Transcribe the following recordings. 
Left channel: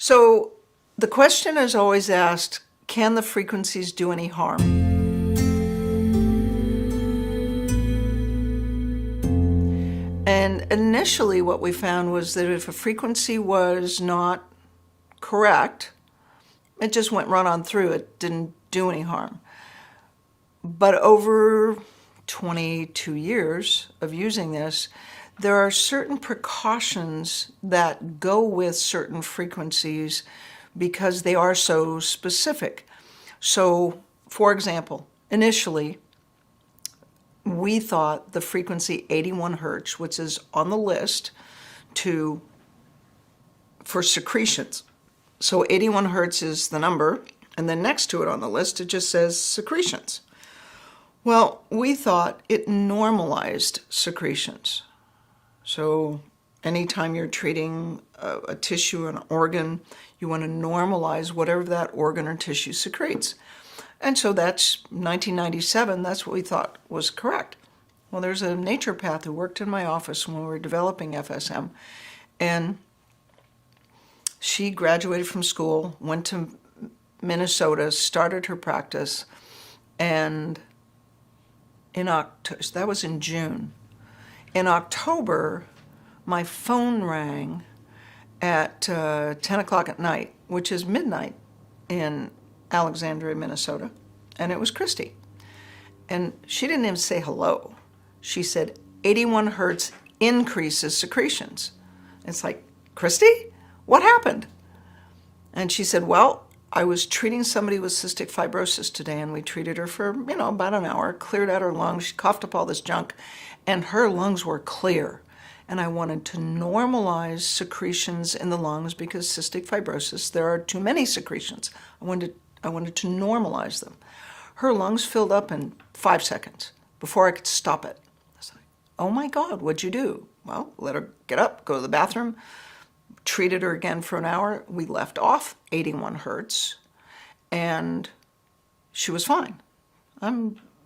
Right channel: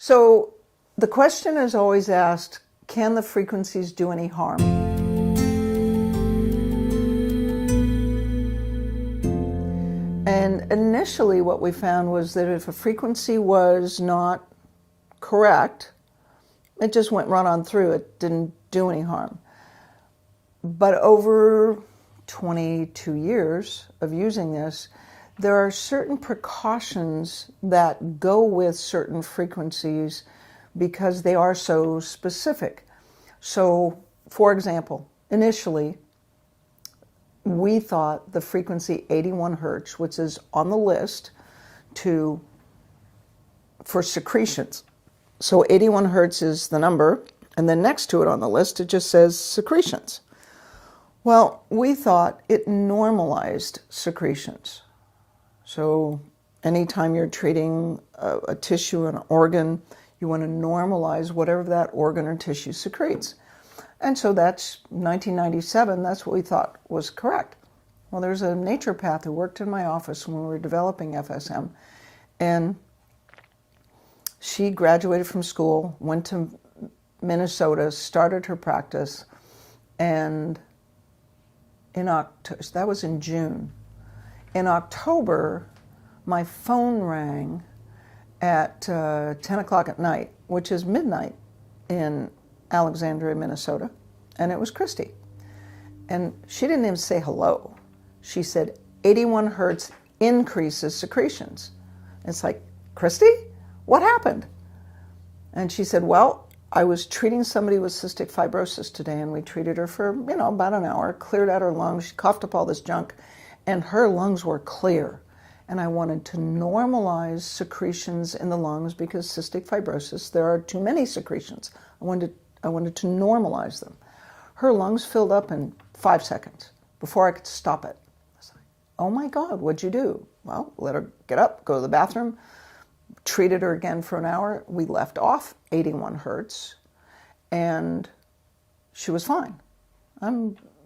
So the question is always asked, can the frequencies do any harm? And initially what we found was that if a frequency was not correct, it just went right on through. It didn't do any harm. But over 22 years of using this, there are certain precautions that go with certain frequencies because they are so specific. So, for example, initially, we thought the frequency 81 hertz, which is on the list for secretions. So 81 hertz is the number, and then next to it on the list, it just says secretions. Well, we thought it normalized secretions. So anytime you're treating a tissue, an organ, you want to normalize whatever that organ or tissue secretes. And so that's 1997, that's what we thought was correct. Well, there's a naturopath who worked in my office when we were developing FSM, and she graduated from school, went to Minnesota, started her practice, and that was in June. In October, my phone rang at 10 o'clock at night, which is midnight in Alexandria, Minnesota, and it was Christy. And she didn't even say hello. She said, 81 hertz increases secretions. It's like, Christy, what happened? And she said, well, I was treating somebody with cystic fibrosis today, and we treated her for, about an hour, cleared out her lungs, she coughed up all this junk, and her lungs were clear. And I wanted to normalize secretions in the lungs because cystic fibrosis, there are too many secretions. I wanted to normalize them. Her lungs filled up in 5 seconds before I could stop it. I was like, oh my God, what'd you do? Well, let her get up, go to the bathroom, treated her again for an hour. We left off 81 hertz, and she was fine.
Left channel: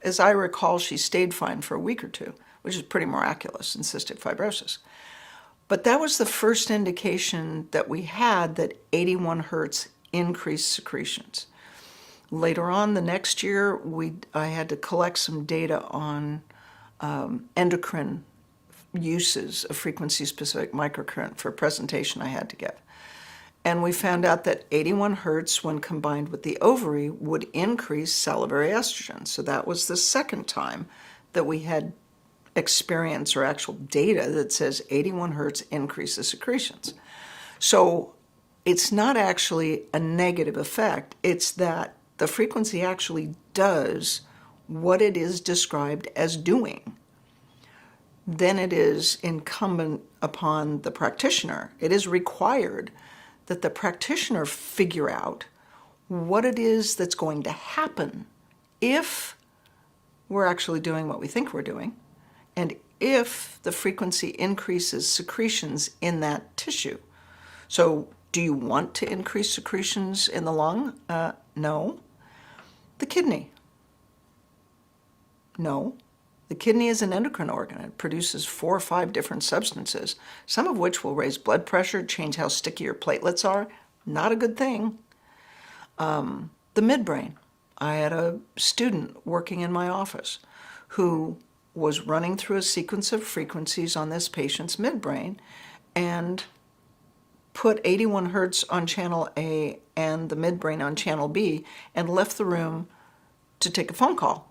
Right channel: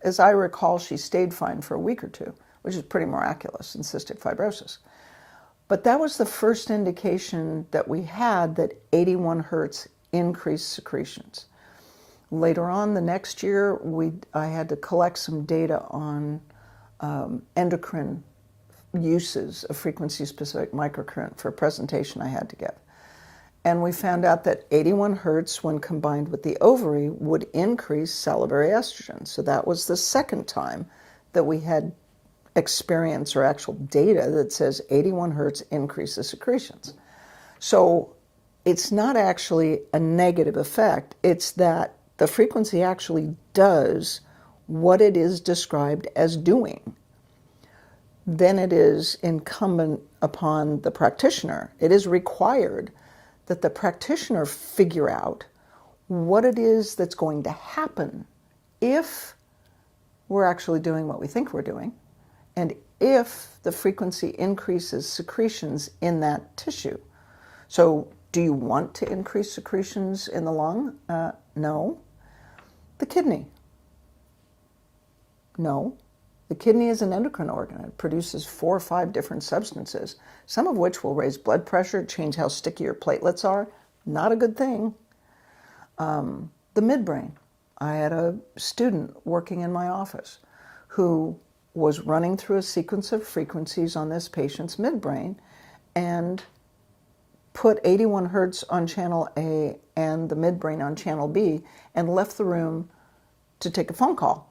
As I recall, she stayed fine for a week or two, which is pretty miraculous in cystic fibrosis. But that was the first indication that we had that 81 hertz increased secretions. Later on, the next year, I had to collect some data on endocrine uses of frequency-specific microcurrent for a presentation I had to give. And we found out that 81 hertz, when combined with the ovary, would increase salivary estrogen. So that was the second time that we had experience or actual data that says 81 hertz increases secretions. So it's not actually a negative effect. It's that the frequency actually does what it is described as doing. Then it is incumbent upon the practitioner. It is required that the practitioner figure out what it is that's going to happen if we're actually doing what we think we're doing, and if the frequency increases secretions in that tissue. So do you want to increase secretions in the lung? No. The kidney? No. The kidney is an endocrine organ. It produces 4 or 5 different substances, some of which will raise blood pressure, change how sticky your platelets are. Not a good thing. The midbrain. I had a student working in my office who was running through a sequence of frequencies on this patient's midbrain and put 81 hertz on channel A and the midbrain on channel B and left the room to take a phone call.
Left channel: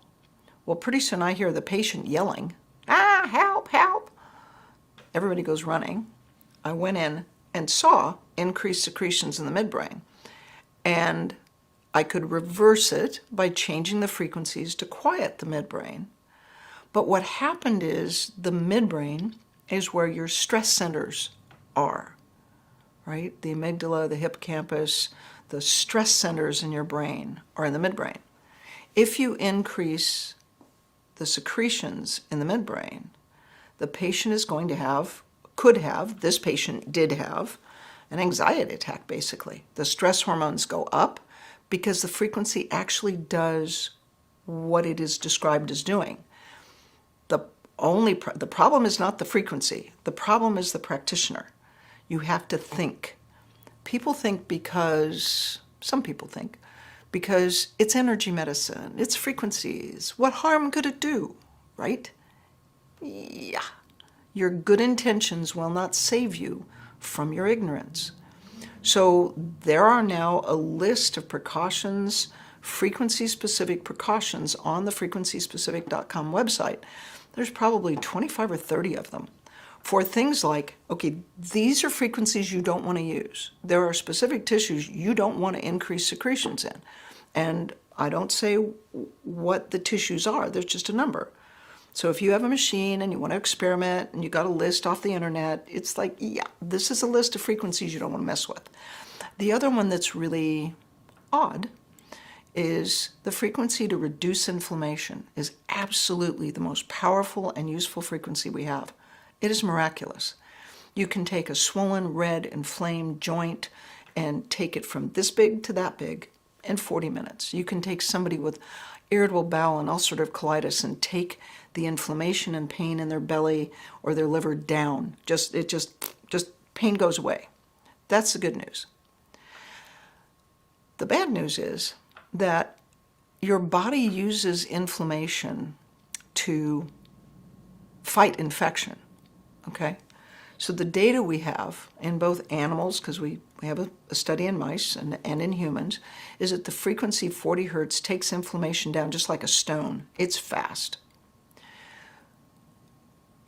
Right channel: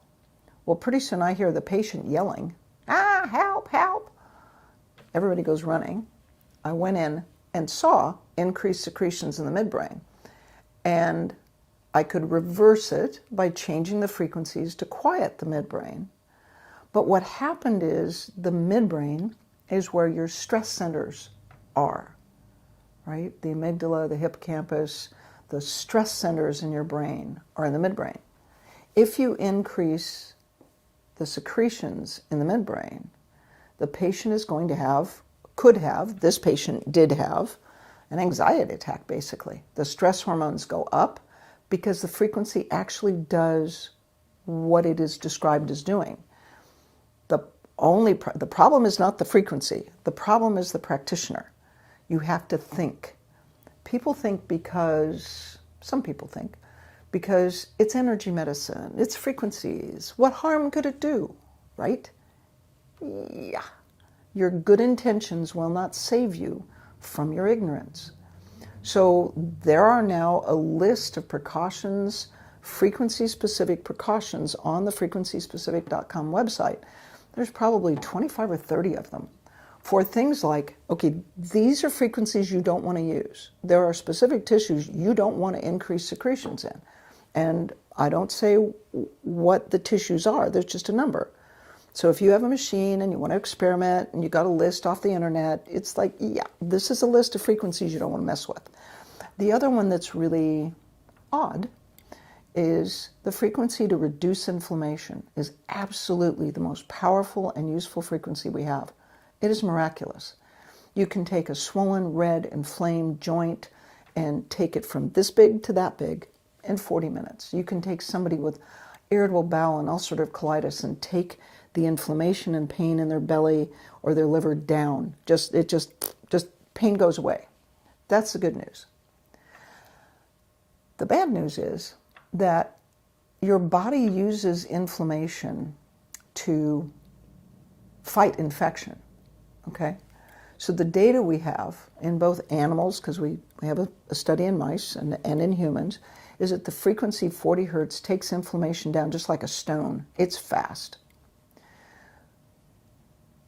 Well, pretty soon I hear the patient yelling, help, help. Everybody goes running. I went in and saw increased secretions in the midbrain. And I could reverse it by changing the frequencies to quiet the midbrain. But what happened is the midbrain is where your stress centers are, right? The amygdala, the hippocampus, the stress centers in your brain are in the midbrain. If you increase the secretions in the midbrain, the patient is going to this patient did have, an anxiety attack, basically. The stress hormones go up because the frequency actually does what it is described as doing. The problem is not the frequency. The problem is the practitioner. You have to think. People think some people think, because it's energy medicine, it's frequencies, what harm could it do, right? Yeah. Your good intentions will not save you from your ignorance. So there are now a list of precautions, frequency-specific precautions on the frequencyspecific.com website. There's probably 25 or 30 of them for things like, okay, these are frequencies you don't want to use. There are specific tissues you don't want to increase secretions in. And I don't say what the tissues are, there's just a number. So if you have a machine and you want to experiment and you got a list off the internet, it's like, yeah, this is a list of frequencies you don't want to mess with. The other one that's really odd is the frequency to reduce inflammation is absolutely the most powerful and useful frequency we have. It is miraculous. You can take a swollen, red, inflamed joint and take it from this big to that big in 40 minutes. You can take somebody with irritable bowel and ulcerative colitis and take the inflammation and pain in their belly or their liver down. Just pain goes away. That's the good news. The bad news is that your body uses inflammation to fight infection, okay? So the data we have in both animals, because we have a study in mice and in humans, is that the frequency 40 hertz takes inflammation down just like a stone. It's fast.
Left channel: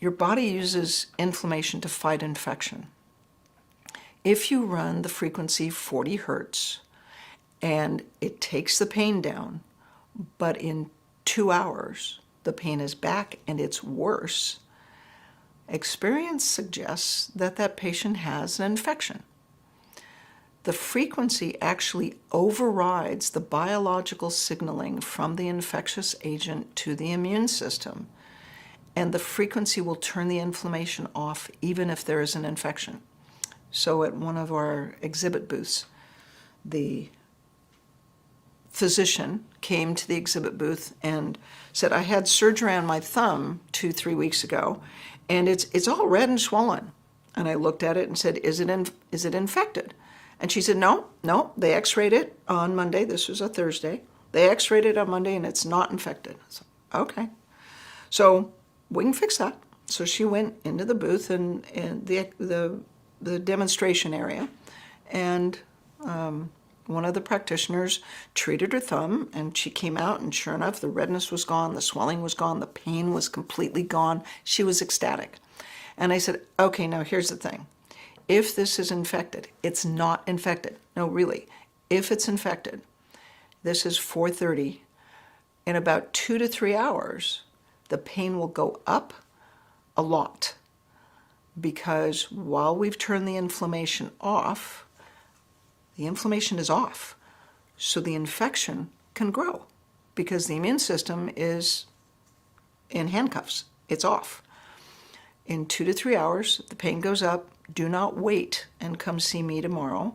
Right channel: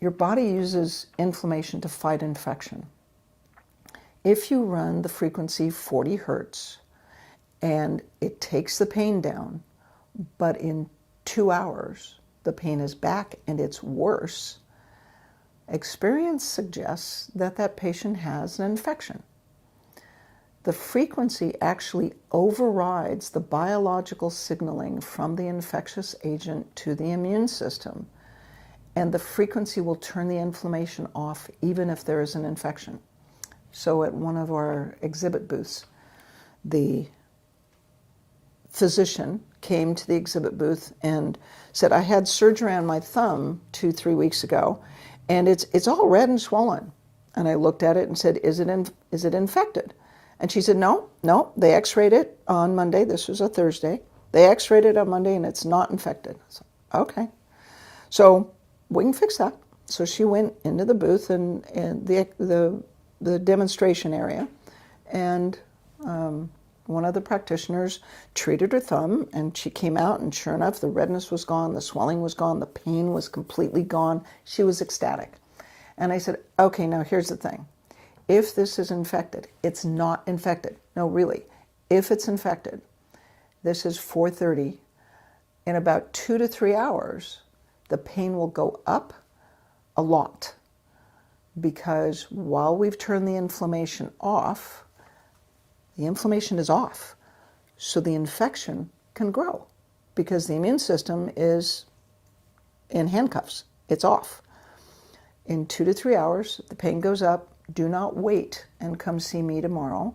Your body uses inflammation to fight infection. If you run the frequency 40 hertz and it takes the pain down, but in 2 hours the pain is back and it's worse, experience suggests that that patient has an infection. The frequency actually overrides the biological signaling from the infectious agent to the immune system, and the frequency will turn the inflammation off even if there is an infection. So at one of our exhibit booths, the physician came to the exhibit booth and said, I had surgery on my thumb 2-3 weeks ago, and it's all red and swollen. And I looked at it and said, is it infected? And she said, no, they x-rayed it on Monday. This was a Thursday. They x-rayed it on Monday and it's not infected. I said, okay. So we can fix that. So she went into the booth and the demonstration area, and one of the practitioners treated her thumb, and she came out, and sure enough, the redness was gone, the swelling was gone, the pain was completely gone. She was ecstatic. And I said, okay, now here's the thing. If this is infected, it's not infected. No, really. If it's infected, this is 4:30. In about 2 to 3 hours, the pain will go up a lot, because while we've turned the inflammation off, the inflammation is off. So the infection can grow because the immune system is in handcuffs. It's off. In 2 to 3 hours, the pain goes up. Do not wait and come see me tomorrow.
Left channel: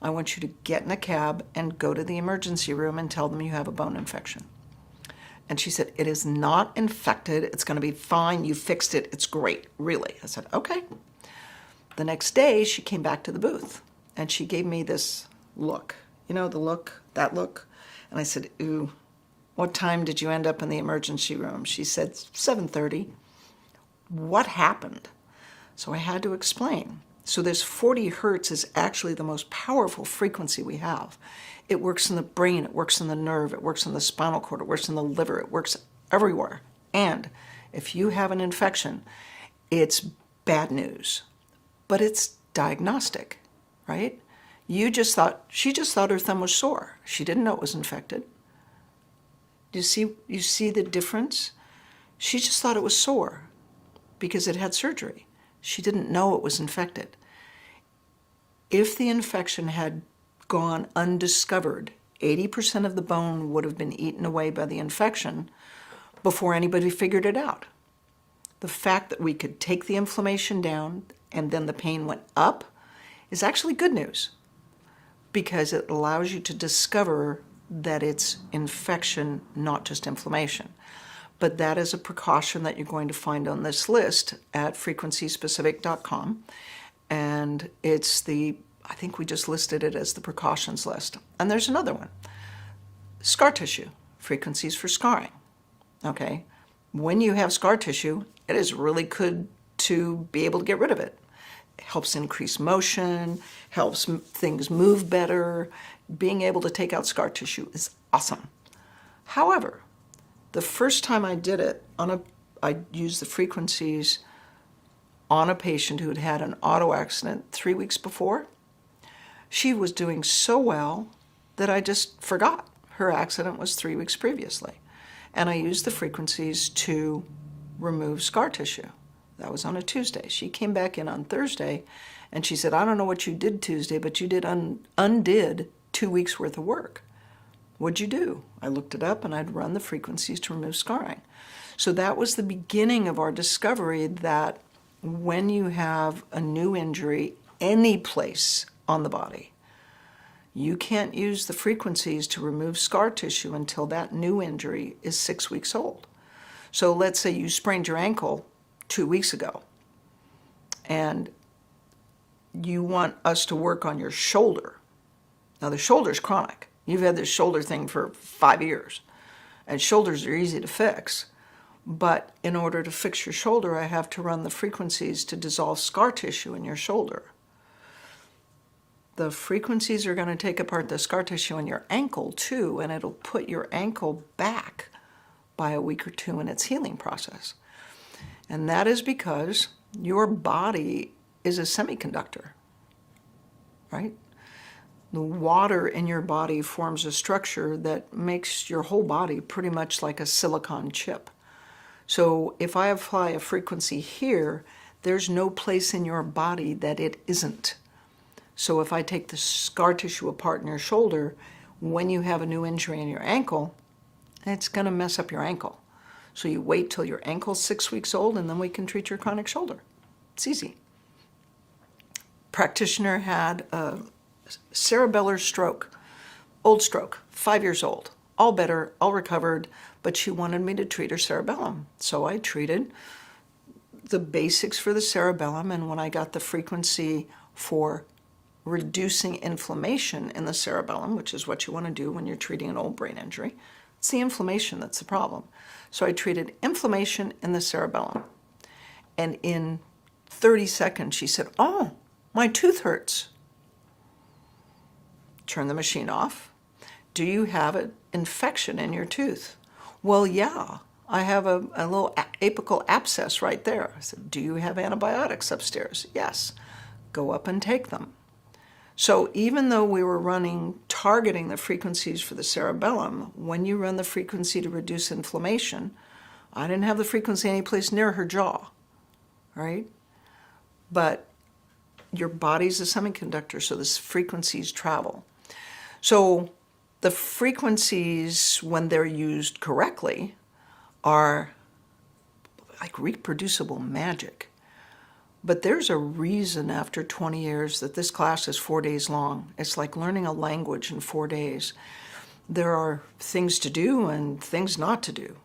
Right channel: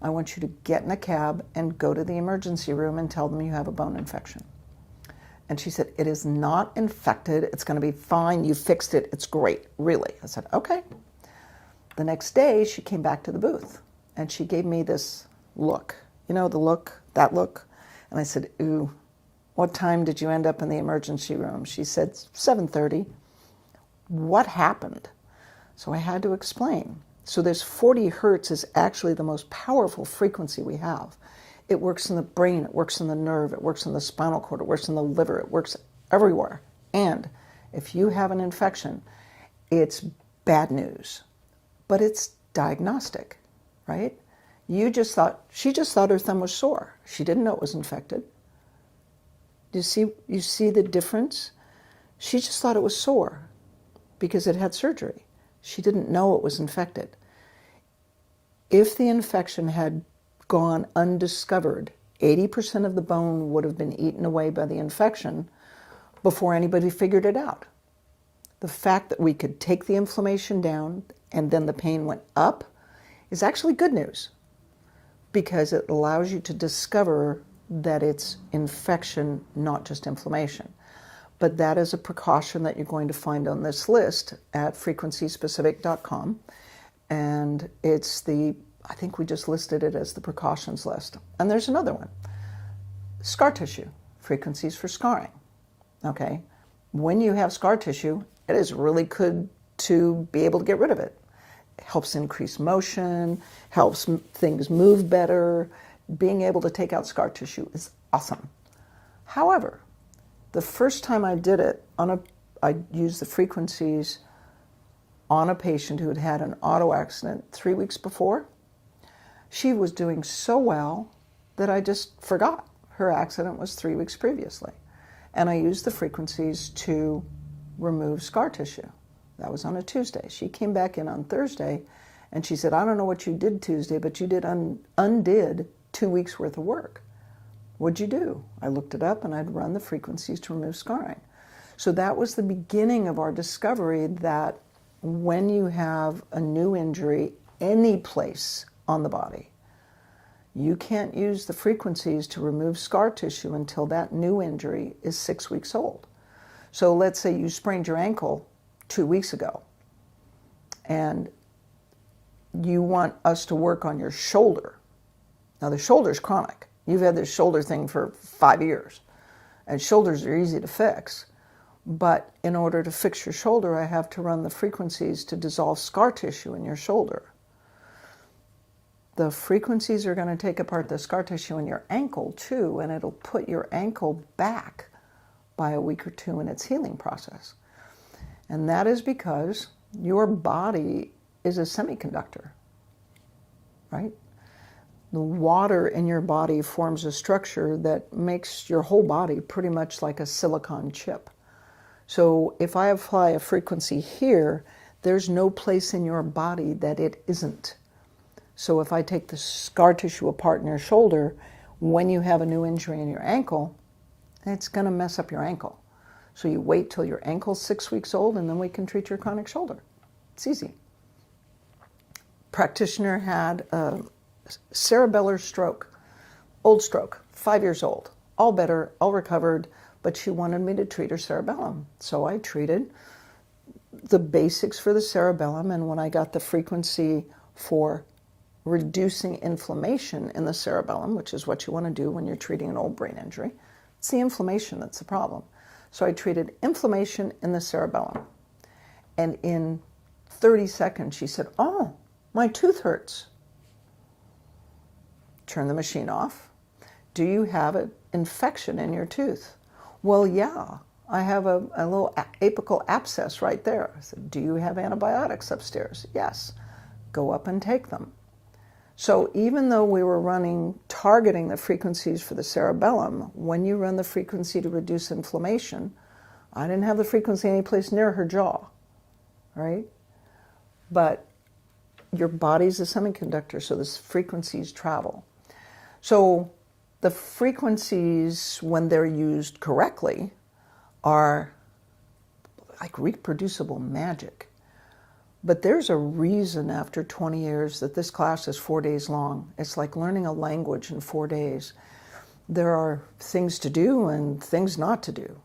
I want you to get in a cab and go to the emergency room and tell them you have a bone infection. And she said, it is not infected. It's going to be fine. You fixed it. It's great. Really? I said, okay. The next day, she came back to the booth and she gave me this look. You know, the look, that look. And I said, ooh, what time did you end up in the emergency room? She said, 7:30. What happened? So I had to explain. So this 40 hertz is actually the most powerful frequency we have. It works in the brain, it works in the nerve, it works in the spinal cord, it works in the liver, it works everywhere. And if you have an infection, it's bad news. But it's diagnostic, right? She just thought her thumb was sore. She didn't know it was infected. You see the difference? She just thought it was sore because it had surgery. She didn't know it was infected. If the infection had gone undiscovered, 80% of the bone would have been eaten away by the infection before anybody figured it out. The fact that we could take the inflammation down and then the pain went up is actually good news, because it allows you to discover that it's infection, not just inflammation. But that is a precaution that you're going to find on this list at frequencyspecific.com. And it's the I think we just listed it as the precautions list. And there's another one. Scar tissue, frequencies for scarring. Okay? When you have scar tissue, it is really good to be able to get rid of it. It helps increase motion, helps things move better. Being able to take out scar tissue is awesome. However, the first time I did it, I used the frequencies on a patient who had had an auto accident 3 weeks before. She was doing so well that I just forgot her accident was 3 weeks previously. And I used the frequencies to remove scar tissue. That was on a Tuesday. She came back in on Thursday and she said, I don't know what you did Tuesday, but you did undid 2 weeks worth of work. What'd you do? I looked it up and I'd run the frequencies to remove scarring. So that was the beginning of our discovery that when you have a new injury any place on the body, you can't use the frequencies to remove scar tissue until that new injury is 6 weeks old. So let's say you sprained your ankle 2 weeks ago and you want us to work on your shoulder. Now the shoulder's chronic. You've had this shoulder thing for 5 years, and shoulders are easy to fix. But in order to fix your shoulder, I have to run the frequencies to dissolve scar tissue in your shoulder. The frequencies are going to take apart the scar tissue in your ankle too, and it'll put your ankle back by a week or two in its healing process. And that is because your body is a semiconductor, right? The water in your body forms a structure that makes your whole body pretty much like a silicon chip. So if I apply a frequency here, there's no place in your body that it isn't. So if I take the scar tissue apart in your shoulder, when you have a new injury in your ankle, it's going to mess up your ankle. So you wait till your ankle's 6 weeks old and then we can treat your chronic shoulder. It's easy. Practitioner had a cerebellar stroke, old stroke, 5 years old, all better, all recovered, but she wanted me to treat her cerebellum. So I treated the basics for the cerebellum, and when I got the frequency for reducing inflammation in the cerebellum, which is what you want to do when you're treating an old brain injury, it's the inflammation that's the problem. So I treated inflammation in the cerebellum. And in 30 seconds, she said, oh, my tooth hurts. Turn the machine off. Do you have an infection in your tooth? Well, yeah, I have a little apical abscess right there. I said, do you have antibiotics upstairs? Yes. Go up and take them. So even though we were targeting the frequencies for the cerebellum, when you run the frequency to reduce inflammation, I didn't have the frequency anyplace near her jaw, right? But your body's a semiconductor, so the frequencies travel. So the frequencies, when they're used correctly, are like reproducible magic. But there's a reason after 20 years that this class is 4 days long. It's like learning a language in 4 days. There are things to do and things not to do.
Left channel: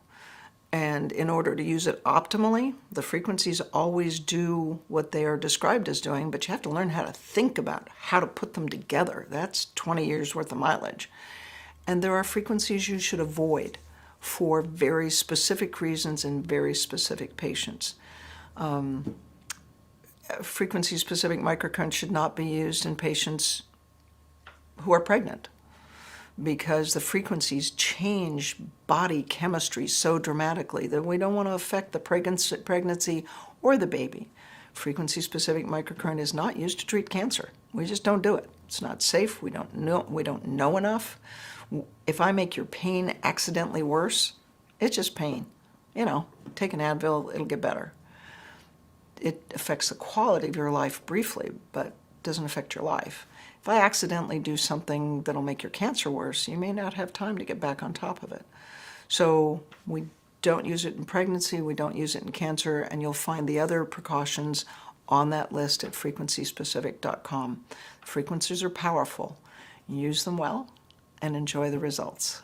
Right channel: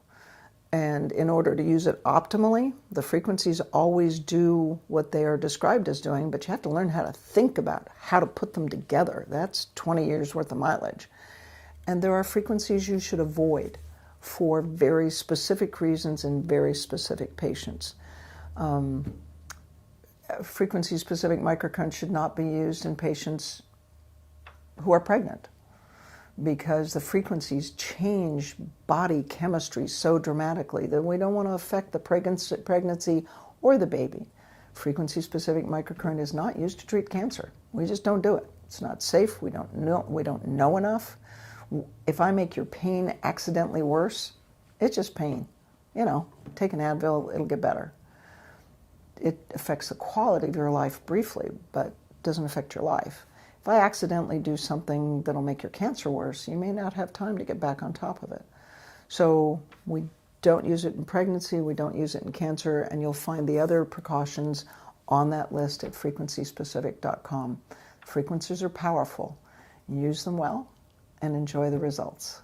And in order to use it optimally, the frequencies always do what they are described as doing, but you have to learn how to think about how to put them together. That's 20 years worth of mileage. And there are frequencies you should avoid for very specific reasons in very specific patients. Frequency-specific microcurrent should not be used in patients who are pregnant, because the frequencies change body chemistry so dramatically that we don't want to affect the pregnancy or the baby. Frequency-specific microcurrent is not used to treat cancer. We just don't do it. It's not safe. We don't know enough. If I make your pain accidentally worse, it's just pain. Take an Advil, it'll get better. It affects the quality of your life briefly, but doesn't affect your life. If I accidentally do something that'll make your cancer worse, you may not have time to get back on top of it. So we don't use it in pregnancy, we don't use it in cancer, and you'll find the other precautions on that list at frequencyspecific.com. Frequencies are powerful. Use them well and enjoy the results.